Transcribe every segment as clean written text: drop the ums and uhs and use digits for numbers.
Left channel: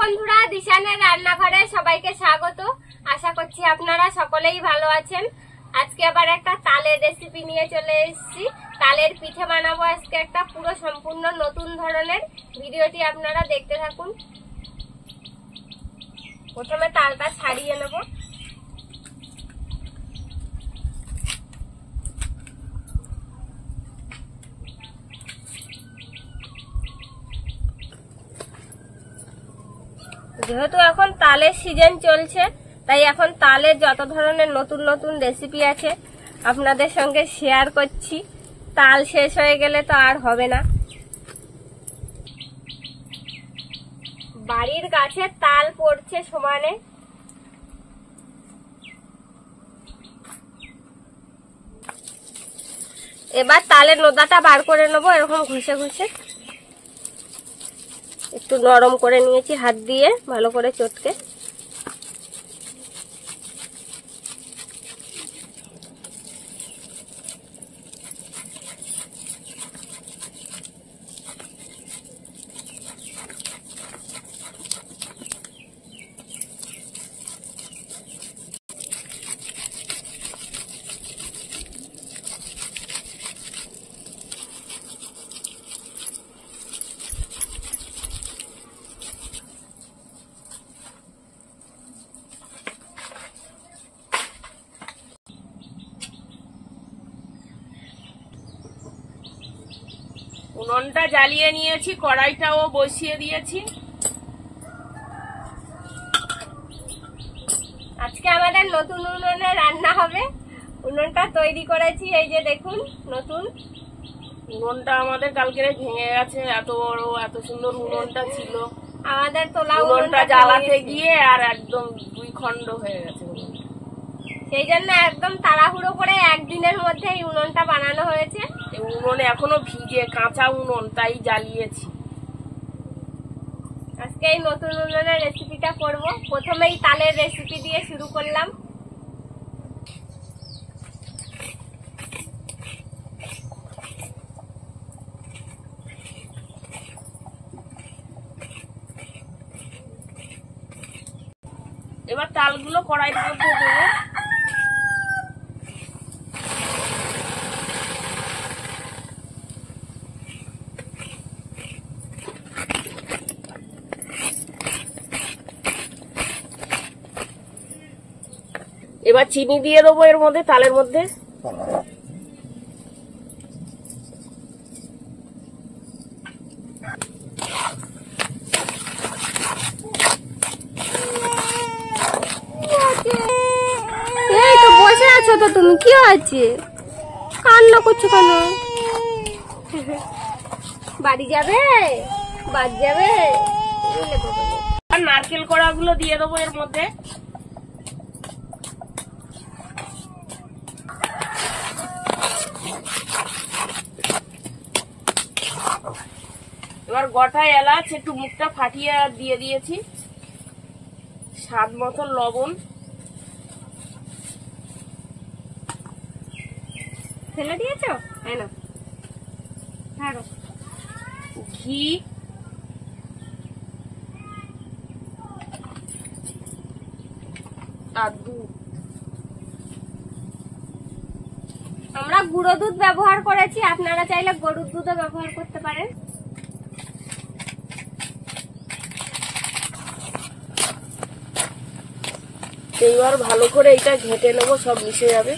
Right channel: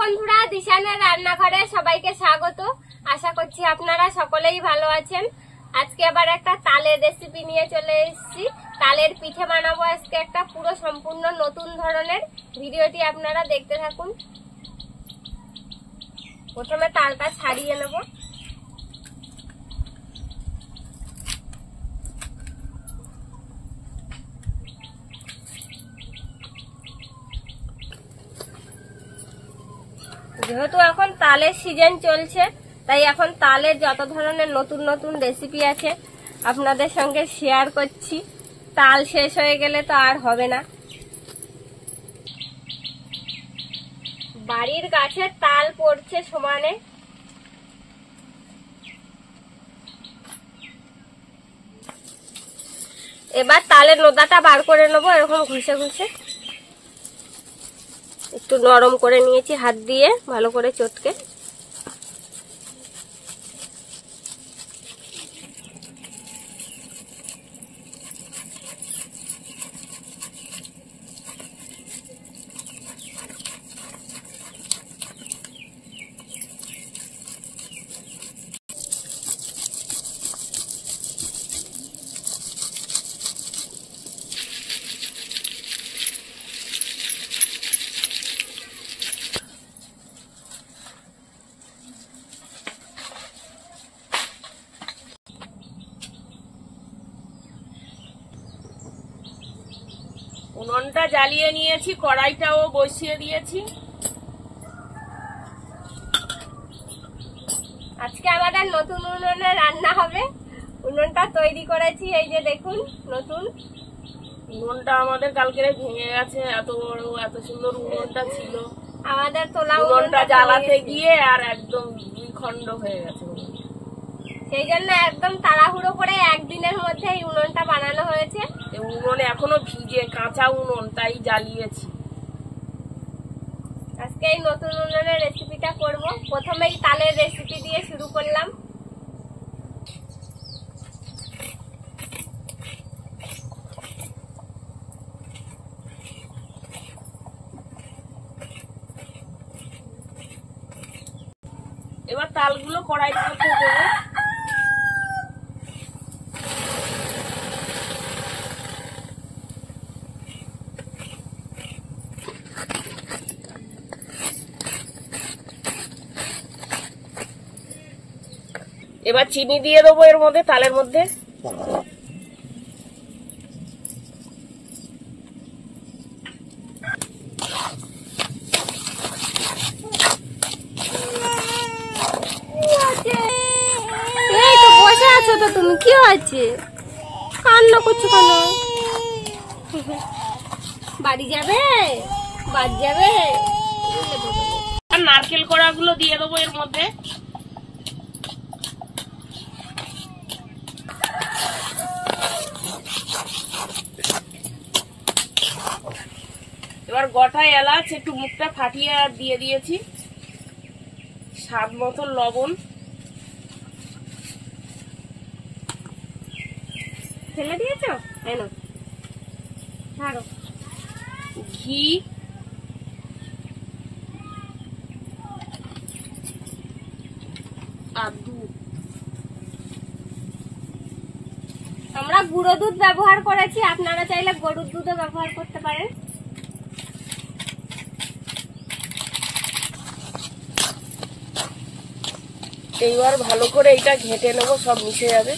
বন্ধুরা, দিশানের রান্নাঘরে সবাইকে স্বাগত। আশা করছি আপনারা সকলেই ভালো আছেন। আজকে আবার একটা তালের রেসিপি নিয়ে চলে এসেছি। তালের পিঠে বানাবো আজকে একটা পুরো সম্পূর্ণ নতুন ধরনের। ভিডিওটি আপনারা দেখতে থাকুন। প্রথমে তালটা ছাড়িয়ে নেব। যেহেতু এখন তালের সিজন চলছে, তাই এখন তালের যত ধরনের নতুন নতুন রেসিপি আছে আপনাদের সঙ্গে শেয়ার করছি। তাল শেষ হয়ে গেলে তো আর হবে না। বাড়ির গাছে তাল পড়ছে সমানে। এবার তালের নোদাটা বার করে নেবো, এরকম ঘষে ঘষে। একটু নরম করে নিয়েছি হাত দিয়ে, ভালো করে চটকে। উনুনটা জ্বালিয়ে নিয়েছি, কড়াইটাও বসিয়ে দিয়েছি। আজকে আমাদের নতুন উনুনে রান্না হবে। উনুনটা তৈরি করেছি, এই যে দেখুন নতুন উনুনটা আমাদের কালকে ভেঙে গেছে। এত বড় এত সুন্দর উনুনটা ছিল, আমাদের তোলা উনুনটা জ্বালাতে গিয়ে আর একদম দুই খণ্ড হয়ে গেছে। সেই জন্য একদম তাড়াহুড়ো করে একদিনের মধ্যে এই উনুনটা বানানো হয়েছে। উনুনে এখনো ভিজে, কাঁচা উনুন, তাই জ্বালিয়েছি। আজকে এই নতুন উনুনের রেসিপিটা করব। প্রথমেই তালের রেসিপি দিয়ে শুরু করলাম। এবার তালগুলো কড়াইয়ের মধ্যে দেবো। এবার চিনি দিয়ে দেবো এর মধ্যে, তালের মধ্যে। এই তো বসে আছো তো তুমি, কি আছে? কান্না করছো কেন? বাড়ি যাবে? বাড়ি যাবে? আর নারকেল কোড়াগুলো দিয়ে দেবো এর মধ্যে। এবার গোটা এলাচ একটু মুখটা ফাটিয়ে দিয়ে দিয়েছি। স্বাদ মতো লবণ। ফেলে দিয়েছো? তাই না, ছাড়ো। ঘি, আর দুধ। আমরা গুঁড়ো দুধ ব্যবহার করেছি, আপনারা চাইলে গরুর দুধও ব্যবহার করতে পারেন। এইবার ভালো করে এটা ঘেঁটে নেবো, সব মিশে যাবে।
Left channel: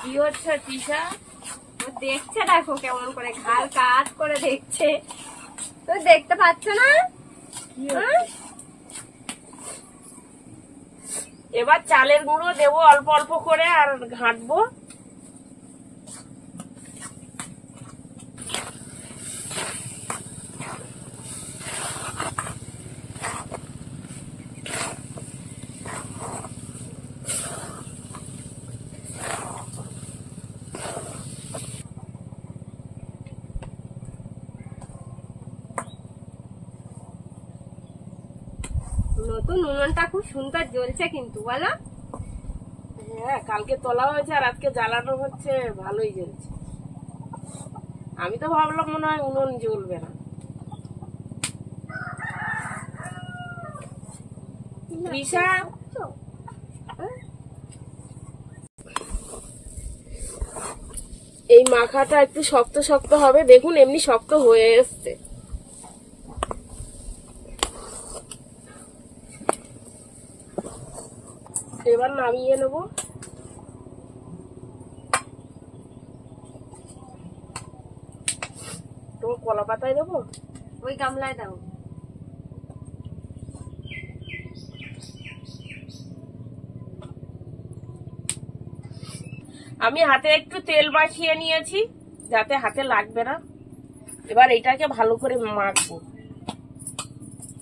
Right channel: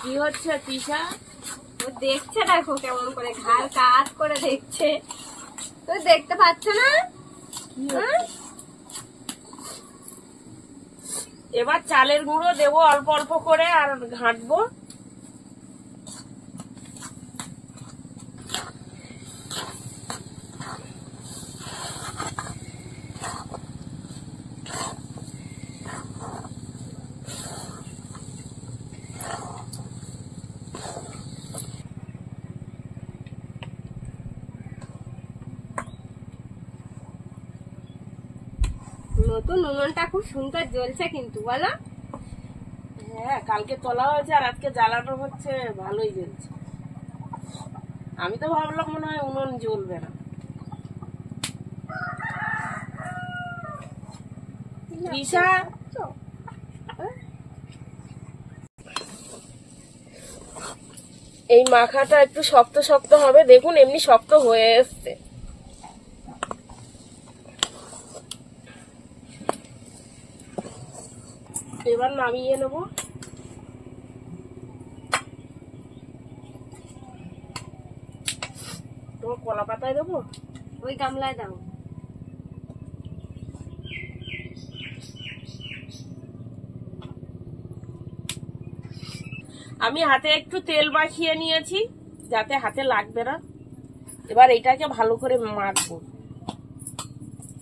কি হচ্ছে পিসা? ও দেখছে, দেখো কেমন করে ঘাল কাজ করে দেখছে। তো দেখতে পাচ্ছ না? এবার চালের গুঁড়ো দেবো অল্প অল্প করে, আর ঘাঁটবো। নতুন উনুনটা খুব সুন্দর জ্বলছে কিন্তু, বলো? হ্যাঁ, কালকে তোলা হয়েছে আর আজকে জ্বালানো হচ্ছে, ভালোই জ্বলছে। আমি তো ভাবলাম মনে হয় উনুন জ্বলবে না। তৃষা, এই মাখাটা একটু শক্ত শক্ত হবে, দেখুন এমনি শক্ত হয়ে এসছে। এবার নামিয়ে নেব। তোমার কলা পাতায় দেবো, ওই গামলায় দাও। আমি হাতে একটু তেল মাখিয়ে নিয়েছি যাতে হাতে লাগবে না। এবার এটাকে ভালো করে মাখবো।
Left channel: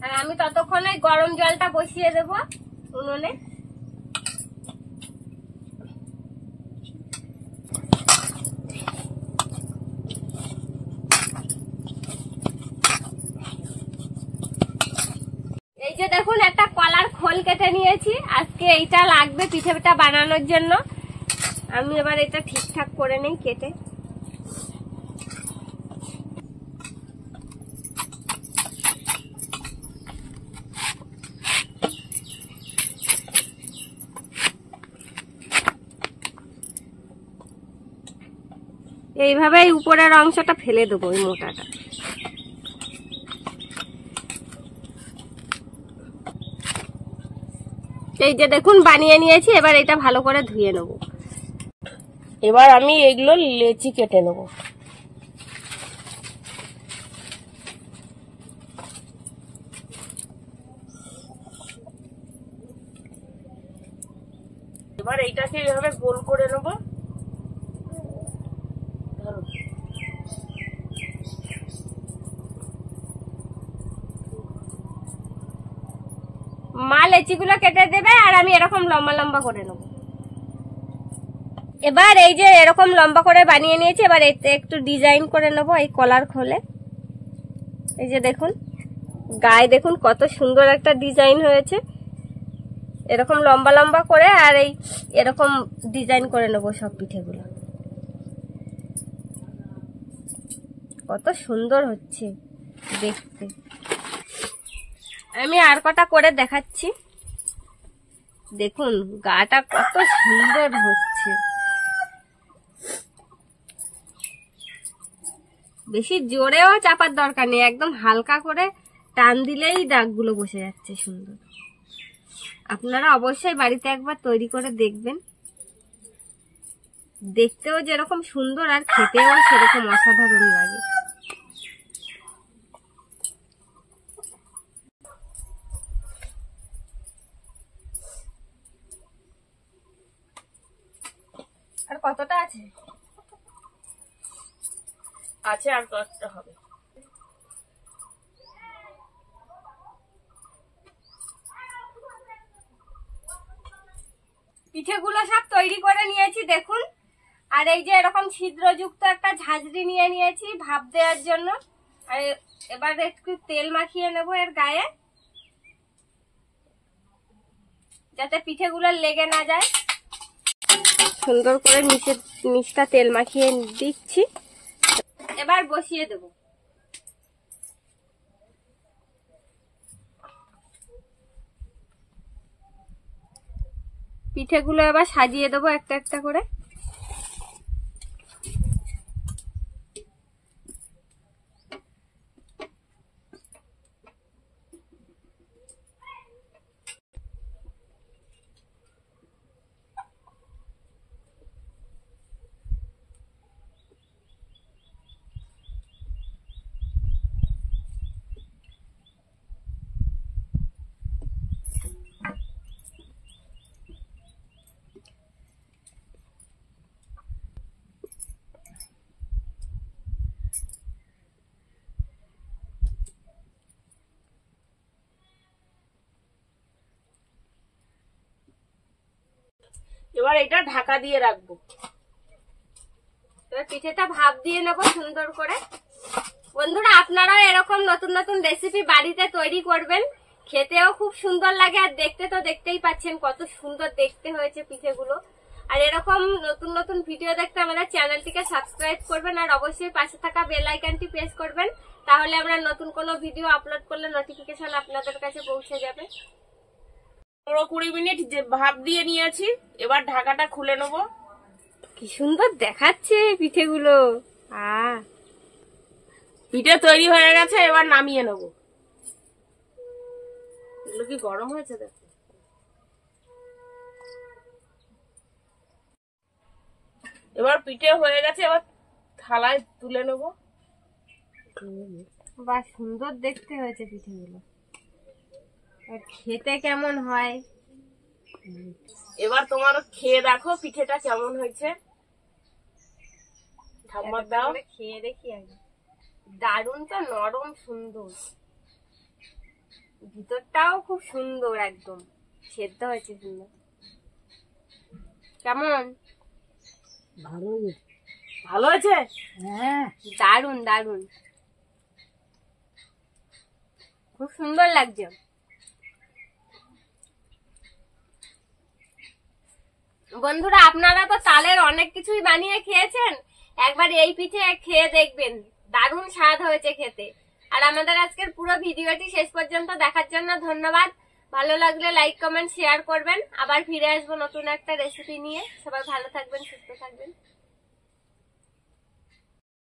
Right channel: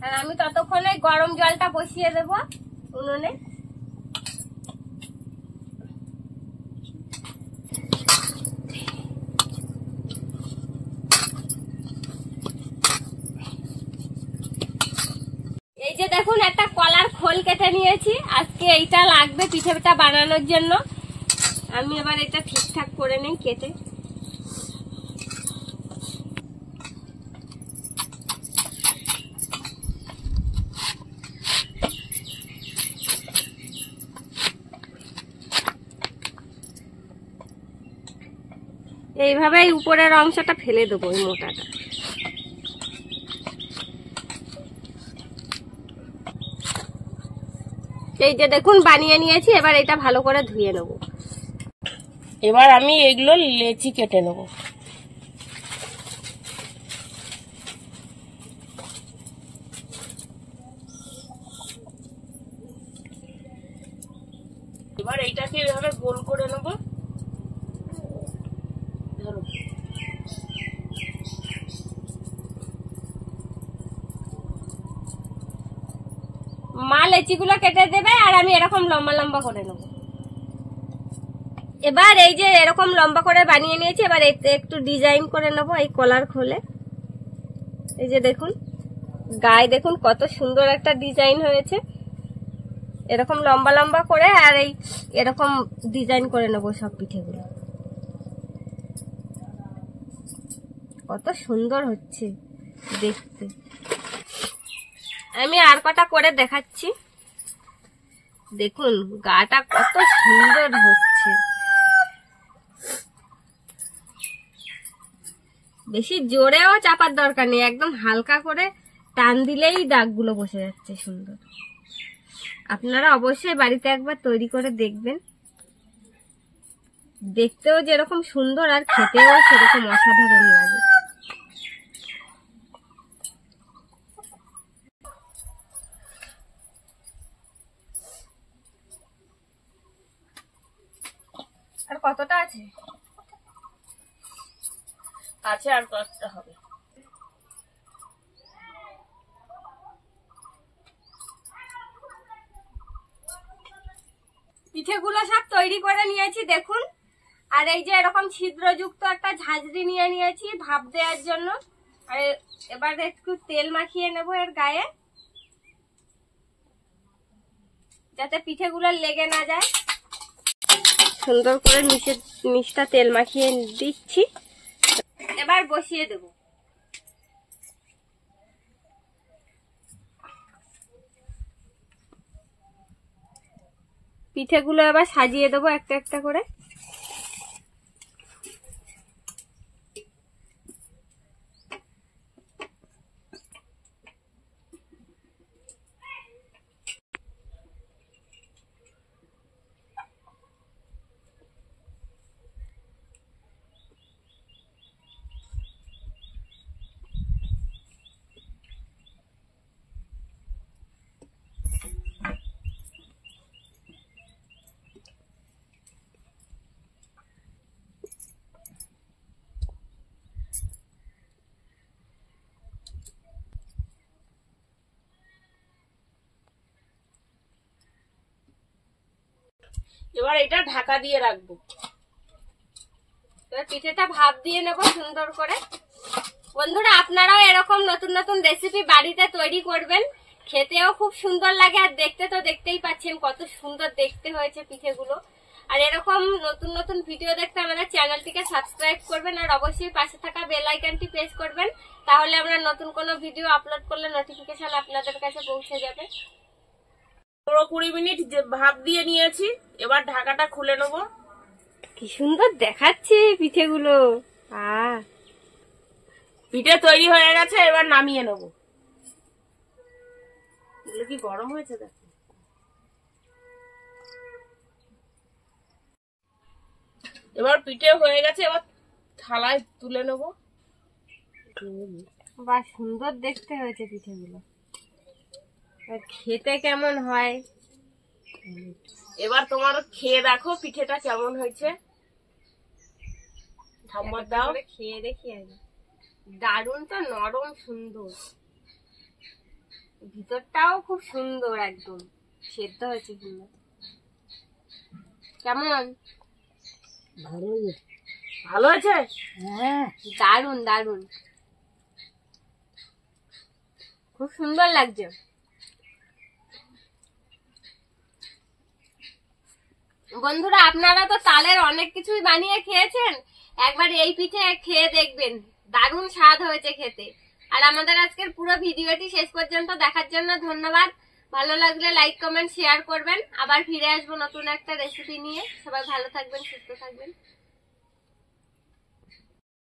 আর আমি ততক্ষণে গরম জলটা বসিয়ে দেবো উনুনে। এই যে দেখুন একটা কলার খোল কেটে নিয়েছি, আজকে এইটা লাগবে পিঠেটা বানানোর জন্য। আমি এবার এটা ঠিকঠাক করে নেই কেটে। এইভাবে উপরের অংশটা ফেলে দেবো, ওই মোটাটা। এই যে দেখুন বানিয়ে নিয়েছি, এবার এটা ভালো করে ধুয়ে নেব। এবার আমি এইগুলো লেচি কেটে নেব। এবার এইটাকে এইভাবে গোল করে নেব। মা লেচিগুলো কেটে দেবে আর আমি এরকম লম্বা লম্বা করে নেব। এবার এই যে এরকম লম্বা করে বানিয়ে নিয়েছি, এবার এতে একটু ডিজাইন করে নেব এই কলার খোলে। এই যে দেখুন গায়ে দেখুন কত সুন্দর একটা ডিজাইন হয়েছে, এরকম লম্বা লম্বা করে। আর এই এরকম ডিজাইন করে নেব সব পিঠেগুলো। কত সুন্দর হচ্ছে দেখতে। আমি আর কটা করে দেখাচ্ছি, দেখুন গাটা কত সুন্দর হচ্ছে। বেশি জোরেও চাপার দরকার নেই, একদম হালকা করে টান দিলেই দাগগুলো বসে যাচ্ছে সুন্দর। আপনারা অবশ্যই বাড়িতে একবার তৈরি করে দেখবেন, দেখতেও যেরকম সুন্দর আর খেতেও সেরকম অসাধারণ লাগে। আর কতটা আছে? আছে আর কতটা হবে। পিঠেগুলো সব তৈরি করে নিয়েছি দেখুন। আর এই যে এরকম ছিদ্রযুক্ত একটা ঝাঁঝরি নিয়ে নিয়েছি ভাপ দেওয়ার জন্য। আর এবার একটু তেল মাখিয়ে নেব এর গায়ে, যাতে পিঠেগুলো লেগে না যায়। সুন্দর করে নিচটা তেল মাখিয়ে দিচ্ছি, এবার বসিয়ে দেব। পিঠেগুলো এবার সাজিয়ে দেবো একটা একটা করে। এবার এটা ঢাকা দিয়ে রাখবো। এবার পিঠেটা ভাপ দিয়ে নেব সুন্দর করে। বন্ধুরা আপনারাও এরকম নতুন নতুন রেসিপি বাড়িতে তৈরি করবেন, খেতেও খুব সুন্দর লাগে। আর দেখতে তো দেখতেই পাচ্ছেন কত সুন্দর দেখতে হয়েছে পিঠেগুলো। আর এরকম নতুন নতুন ভিডিও দেখতে আমাদের চ্যানেলটিকে সাবস্ক্রাইব করবেন, আর অবশ্যই পাশে থাকা বেল আইকনটি প্রেস করবেন, তাহলে আমরা নতুন কোনো ভিডিও আপলোড করলে নোটিফিকেশন আপনাদের কাছে পৌঁছে যাবে। 15-20 মিনিট যে ভাপ দিয়ে নিয়েছি, এবার ঢাকাটা খুলে নেবো। কি সুন্দর দেখাচ্ছে পিঠেগুলো। পিঠে তৈরি হয়ে গেছে, এবার নামিয়ে নেবো। এগুলো কি গরম হয়েছে দেখো। এবার পিঠে হয়ে গেছে, এবার থালায় তুলে নেবো। বা সুন্দর দেখতে হয়েছে পিঠেগুলো, আর খেতে কেমন হয় এবার তোমার খেয়ে দেখো পিঠেটা কেমন হয়েছে। ঠাম্মার দাও। খেয়ে দেখি আগে। দারুণ তো, নরম সুন্দর, ভিতরটাও খুব সুন্দর, একদম সেদ্ধ হয়েছে সুন্দর। কেমন? ভালো হয়েছে। হ্যাঁ, দারুণ দারুণ, খুব সুন্দর লাগছে। বন্ধুরা, আপনারা তো তালের অনেক কিছুই বানিয়ে খেয়েছেন, একবার এই পিঠে খেয়ে দেখবেন, দারুণ স্বাদ হয়েছে খেতে। আর আমাদের আজকের পুরো ভিডিওটি শেষ পর্যন্ত দেখার জন্য ধন্যবাদ। ভালো লাগলে লাইক কমেন্ট শেয়ার করবেন। আবার ফিরে আসবো নতুন একটা রেসিপি নিয়ে। সবাই ভালো থাকবেন, সুস্থ থাকবেন।